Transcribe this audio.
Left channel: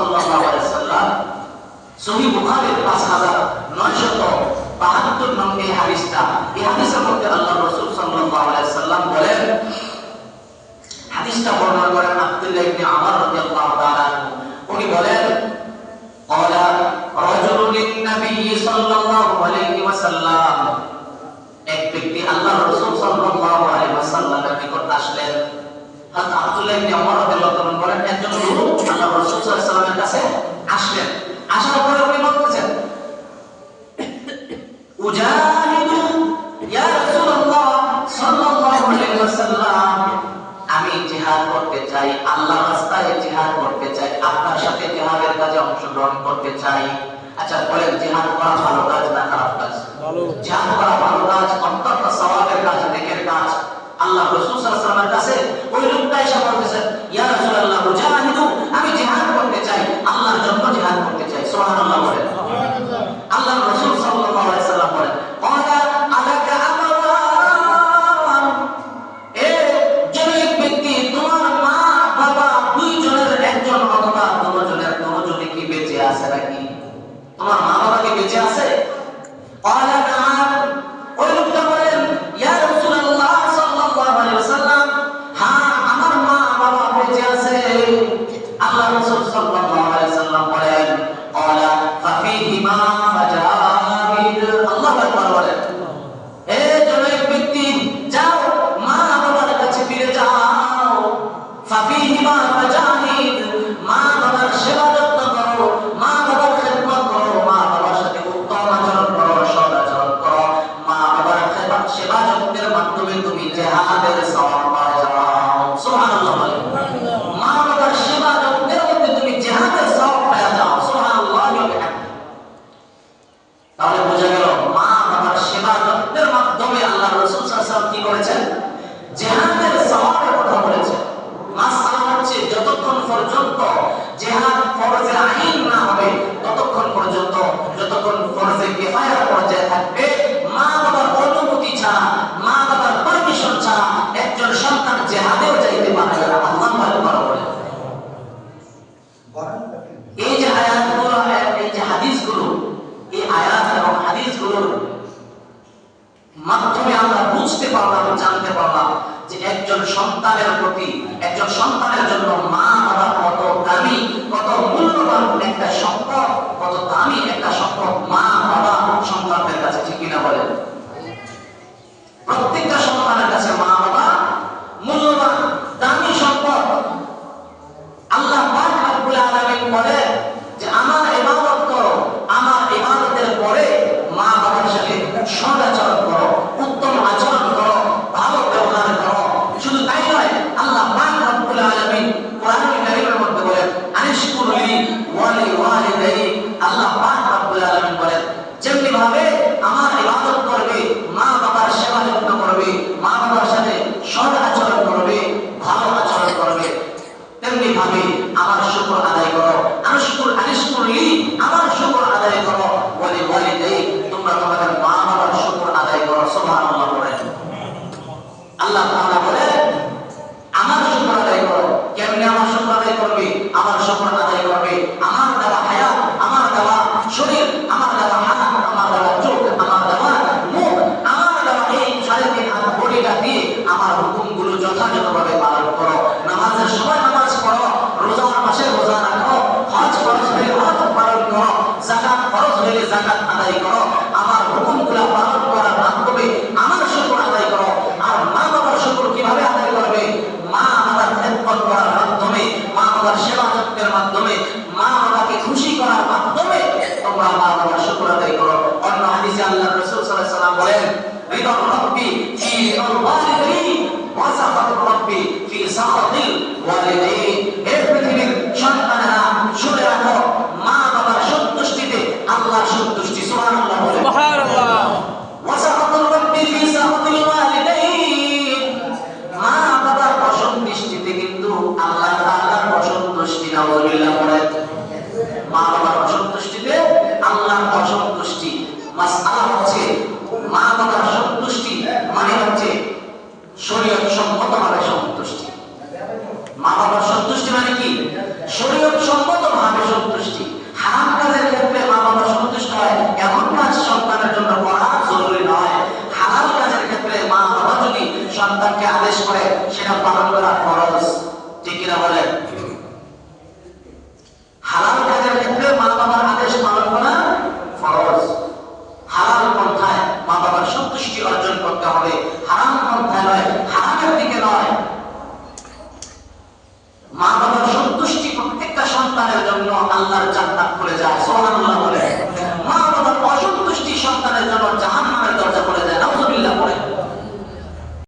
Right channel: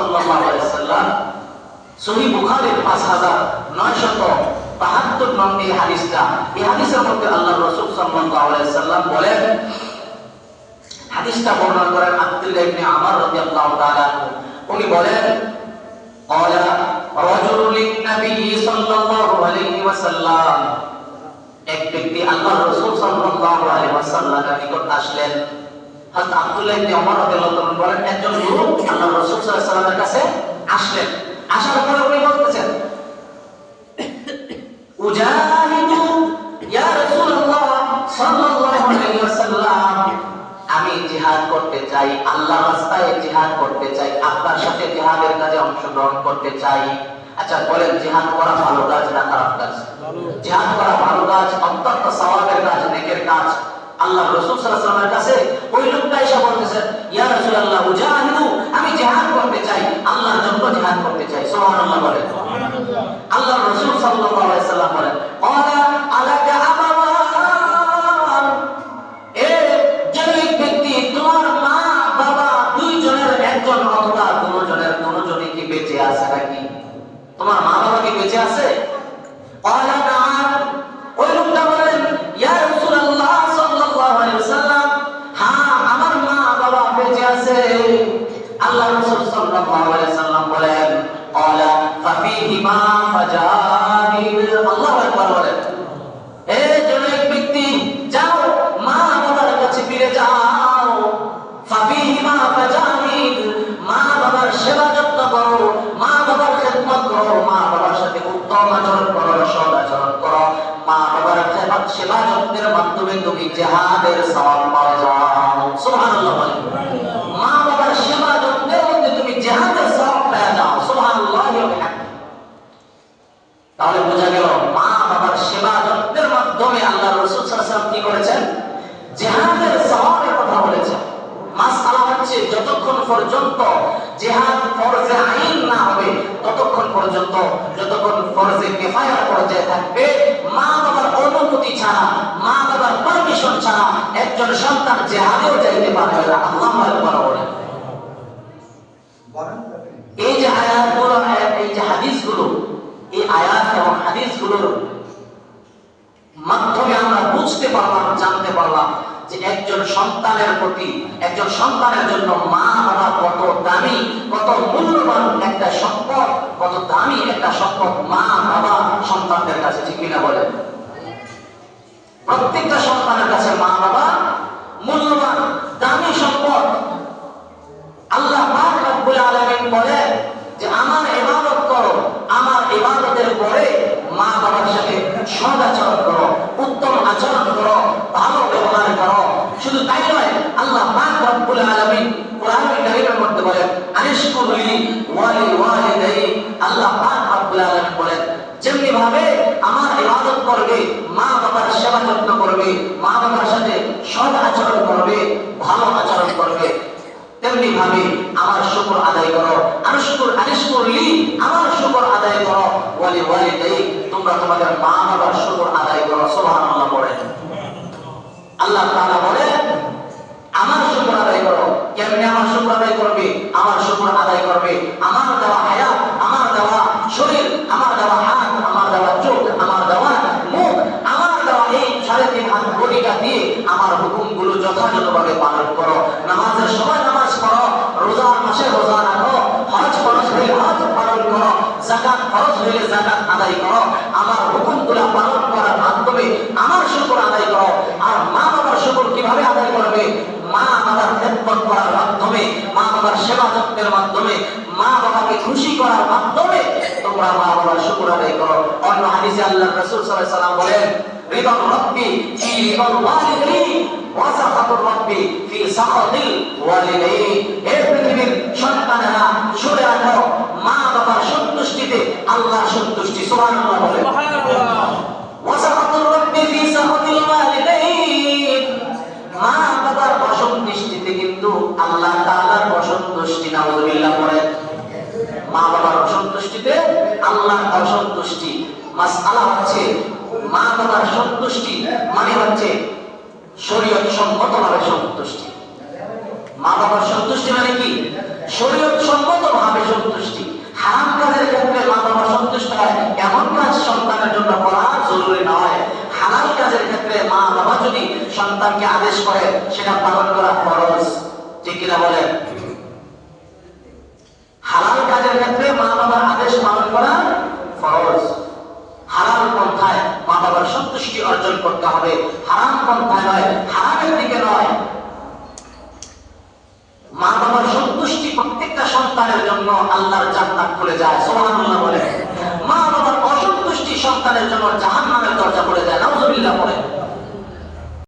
সাল্লাল্লাহু আলাইহি ওয়াসাল্লাম সহিহ বুখারীর 5972 নম্বর এই হাদিসটা, এই হাদিসের মধ্যে আল্লাহর রাসূল সাল্লাল্লাহু আলাইহি ওয়াসাল্লাম বলেন, হাদিসটা বর্ণনা করেন আব্দুল্লাহ ইবনে আমর রাদিয়াল্লাহু তাআলা, উনি বলেন ক্বালা রাজুলুন লিন-নবী সাল্লাল্লাহু আলাইহি ওয়াসাল্লাম, এক ব্যক্তি আল্লাহর রাসূল সাল্লাল্লাহু আলাইহি ওয়াসাল্লামের নিকট আসলেন। হযরত আব্দুল্লাহ ইবনে আমর রাদিয়াল্লাহু তাআলা বলেন, একজন লোক আল্লাহর রাসূল সাল্লাল্লাহু আলাইহি ওয়াসাল্লামের কাছে আসলেন। আসার পরে উনি বলতেছেন, উজাহিদু ইয়া রাসূলুল্লাহ সাল্লাল্লাহু আলাইহি ওয়াসাল্লাম, আমি জিহাদ করতে চাই, আল্লাহর রাস্তায় জিহাদ করতে চাই, আপনার সাথে জিহাদের কাজে অংশগ্রহণ করতে চাই। আচ্ছা বলেন, জিহাদ করা ভালো কাজ না খারাপ কাজ? জিহাদ করা ভালো কাজ, অত্যন্ত সওয়াবের কাজ, নেকের কাজ। আল্লাহ রাসূল সাল্লাল্লাহু আলাইহি ওয়াসাল্লামের কাছে ওই লোকটা এসে বলতেছেন, ইয়া রাসূলুল্লাহ উজাহিদু, আমি জিহাদ করতে চাই, আল্লাহর জন্য জিহাদ করতে চাই। সুবহানাল্লাহ বলেন। সুবহানাল্লাহ। আল্লাহ রাসূল সাল্লাল্লাহু আলাইহি ওয়াসাল্লাম বলেন, ক্বালা আলাকা আবাওয়ান, এ জনৈক ব্যক্তি, তোমার মা বাবা দুইজনের একজন অথবা দুজনই কি বেঁচে আছে নাকি? তোমার মা বাবা কি বেঁচে আছে? ক্বালা নাআম, ওই লোকটা বলেন, ইয়া রাসূলুল্লাহ সাল্লাল্লাহু আলাইহি ওয়াসাল্লাম, হ্যাঁ আমার মা বাবা বেঁচে আছে। আল্লাহ রাসূল সাল্লাল্লাহু আলাইহি ওয়াসাল্লাম বলেন, ক্বালা ফাফিহিমা ফাজাহিদ, আল্লাহু আকবার বলেন, এ জনৈক ব্যক্তি, যাও মা বাবার কাছে ফিরে যাও, ফাফিহিমা ফাজাহিদ, মা বাবার সেবা যত্ন করো, মা বাবার খেদমত করো, মা বাবার সাথে উত্তম আচরণ করো, সৎ আচরণ করো, মা বাবার সেবা যত্নের মাধ্যমে তুমি জিহাদের সওয়াব পেয়ে যাও। সুবহানাল্লাহ বলেন। মা বাবার সেবা যত্নের মধ্যে তুমি জিহাদের সওয়াব পেয়ে যাও। সুবহানাল্লাহ বলেন। তাহলে বোঝা গেল মা বাবার সেবা যত্নের মাধ্যমে আল্লাহর রাসূল সাল্লাল্লাহু আলাইহি ওয়াসাল্লাম কি করেছেন? জিহাদের সওয়াবের কথা বলেছেন। মাসআলা হচ্ছে যতক্ষণ পর্যন্ত জিহাদ ফরজে আইন না হবে, ততক্ষণ পর্যন্ত, যতক্ষণ ফরজে কিফায়ার পর্যায়ে থাকবে, মা বাবার অনুমতি ছাড়া, মা বাবার পারমিশন ছাড়া একজন সন্তান জিহাদেও যাইতে পারবে না। আল্লাহু আকবার বলেন। এই যে আয়াতগুলো, এই যে হাদিসগুলো, এই আয়াত এবং হাদিসগুলোর মাধ্যমে আমরা বুঝতে পারলাম, জানতে পারলাম যে একজন সন্তানের প্রতি, একজন সন্তানের জন্য মা বাবা কত দামি, কত মূল্যবান একটা সম্পদ, কত দামি একটা সম্পদ মা বাবা সন্তানদের কাছে। ঠিক কিনা বলেন? প্রত্যেকটা সন্তানের কাছে মা বাবা মূল্যবান, দামি সম্পদ। আল্লাহ পাক রব্বুল আলামিন বলেন যে আমার ইবাদত করো, আমার ইবাদতের পরে মা বাবার সাথে সৎ আচরণ করো, উত্তম আচরণ করো, ভালো ব্যবহার করো। শুধু তাই নয়, আল্লাহ পাক রব্বুল আলামিন কোরআনুল কারীমের মধ্যে বলেন, আনিশকুরলি ওয়া লিওয়ালিদাই, আল্লাহ পাক রব্বুল আলামিন বলেন, যেমনি ভাবে আমার ইবাদত করবে, মা বাবার সেবা যত্ন করবে, মা বাবার সাথে সৎ আচরণ করবে, ভালো আচরণ করবে, তেমনি ভাবে আমার শুকর আদায় করো। আনিশকুরলি, আমার শুকর আদায় করো, ওয়া লিওয়ালিদাই, তোমরা তোমাদের মা বাবার শুকর আদায় করো। সুবহানাল্লাহ বলেন। আল্লাহ তাআলা বলেন, আমার শুকর আদায় করো। কেমনে আমার শুকর আদায় করবে? আমার শুকর আদায় করবে আমার দেওয়া হায়াত, আমার দেওয়া শরীর, আমার দেওয়া হাত, আমার দেওয়া চোখ, আমার দেওয়া মুখ, আমার দেওয়া এই 3.5 হাত বডিটা দিয়ে আমার হুকুমগুলো যথাযথভাবে পালন করো। নামাজের সময় নামাজ পড়ো, রোজার মাসে রোজা রাখো, হজ ফরজ হলে হজ পালন করো, যাকাত ফরজ হলে যাকাত আদায় করো। আমার হুকুমগুলো পালন করার মাধ্যমে আমার শুকর আদায় করো। আর মা বাবার শুকর কিভাবে আদায় করবে? মা বাবার খেদমত করার মাধ্যমে, মা বাবার সেবা যত্নের মাধ্যমে, মা বাবাকে খুশি করার মাধ্যমে তোমরা মা বাবার শুকর আদায় করো। অন্য হাদিসে আল্লাহর রাসূল সাল্লাল্লাহু আলাইহি ওয়াসাল্লাম বলেন, রিদা রাব্বি ফি রিদাল ওয়ালিদাইন ওয়া সাখাতুর রাব্বি ফি সাখাতিল ওয়ালিদাইন। হে পৃথিবীর সন্তানেরা, শুনে রাখো, মা বাবার সন্তুষ্টিতে আল্লাহর সন্তুষ্টি। সুবহানাল্লাহ বলেন। সুবহানাল্লাহ। ওয়া সাখাতুর রাব্বি ফি সাখাতিল ওয়ালিদাইন, মা বাবার অসন্তুষ্টিতে কিন্তু আল্লাহ তাআলার অসন্তুষ্টি। নাউযুবিল্লাহ বলেন। মা বাবার অসন্তুষ্টিতে আল্লাহর অসন্তুষ্টি। মাসআলা হচ্ছে মা বাবার সন্তুষ্টি মানে হচ্ছে শরীয়ত সম্মতভাবে সন্তুষ্টি। মা বাবার সন্তুষ্টি মানে কি? শরীয়ত সম্মতভাবে সন্তানকে আদেশ করে সেটা পালন করা ফরজ, ঠিক কিনা বলেন? হালাল কাজের ক্ষেত্রে মা বাবার আদেশ পালন করা ফরজ। হালাল পন্থায় মা বাবার সন্তুষ্টি অর্জন করতে হবে, হারাম পন্থায় নয়, হারামের দিকে নয়। মা বাবার সন্তুষ্টি প্রত্যেকটা সন্তানের জন্য আল্লাহর জান্নাত খুলে যায়, সুবহানাল্লাহ বলে। মা বাবার অসন্তুষ্টি সন্তানের জন্য জাহান্নামের দরজা খুলে যায়।